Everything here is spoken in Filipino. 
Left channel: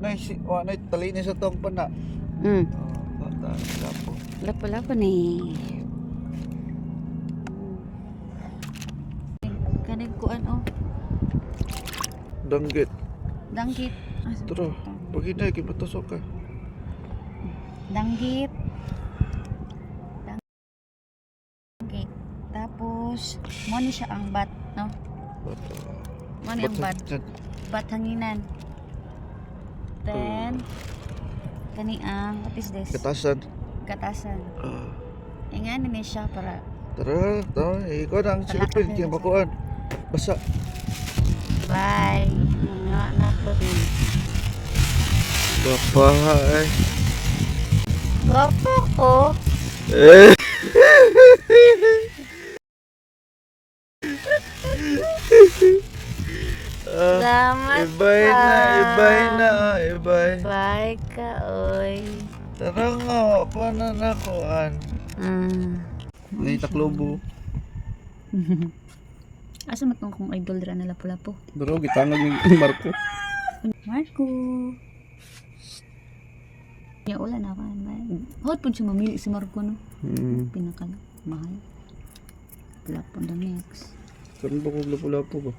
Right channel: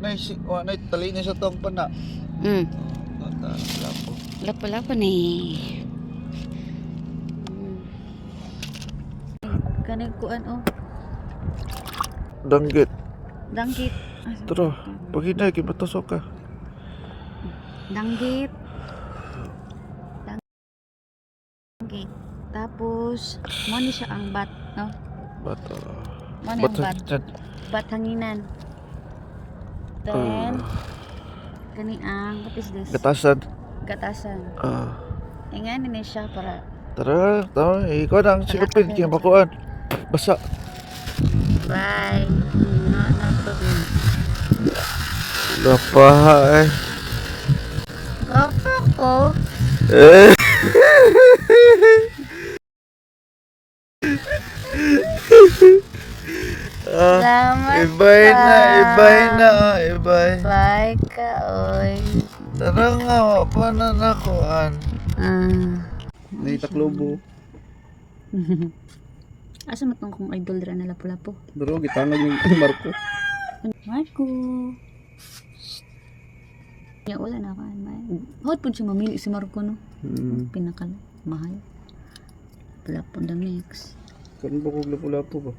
wa na tali ni sa tong pana. Mm. Kata lapo. Lapo-lapo ni. Kanang kuan oh. Danggit. Danggit. Tara, paghinay kay matusok ka. Danggit. Danggit. Tapos, mo ni siya ang bat, no? Bato. Mo ni ang bat. Bat hanginan. Then, kani ang, what is this? Gatasan. Gatasan. Ingan ni siya para. Tara, ikaw na ang silupin kaya makuan. Basa. Bye. Kapay. Gapa ko. Eh. Salamat Ibay pa. ibay. Bye ka, oy. Tara nga, pa na nakuan. Ni taklobo. Asa matong kong idol dira na lapu-lapu? Bro, gitangag ni Marco. Marco. Ya wala na ka. Hot pud siya mamili si Marco no. Pinaka mahal. Lapu the mix. Karon ba kog lapu-lapu ba?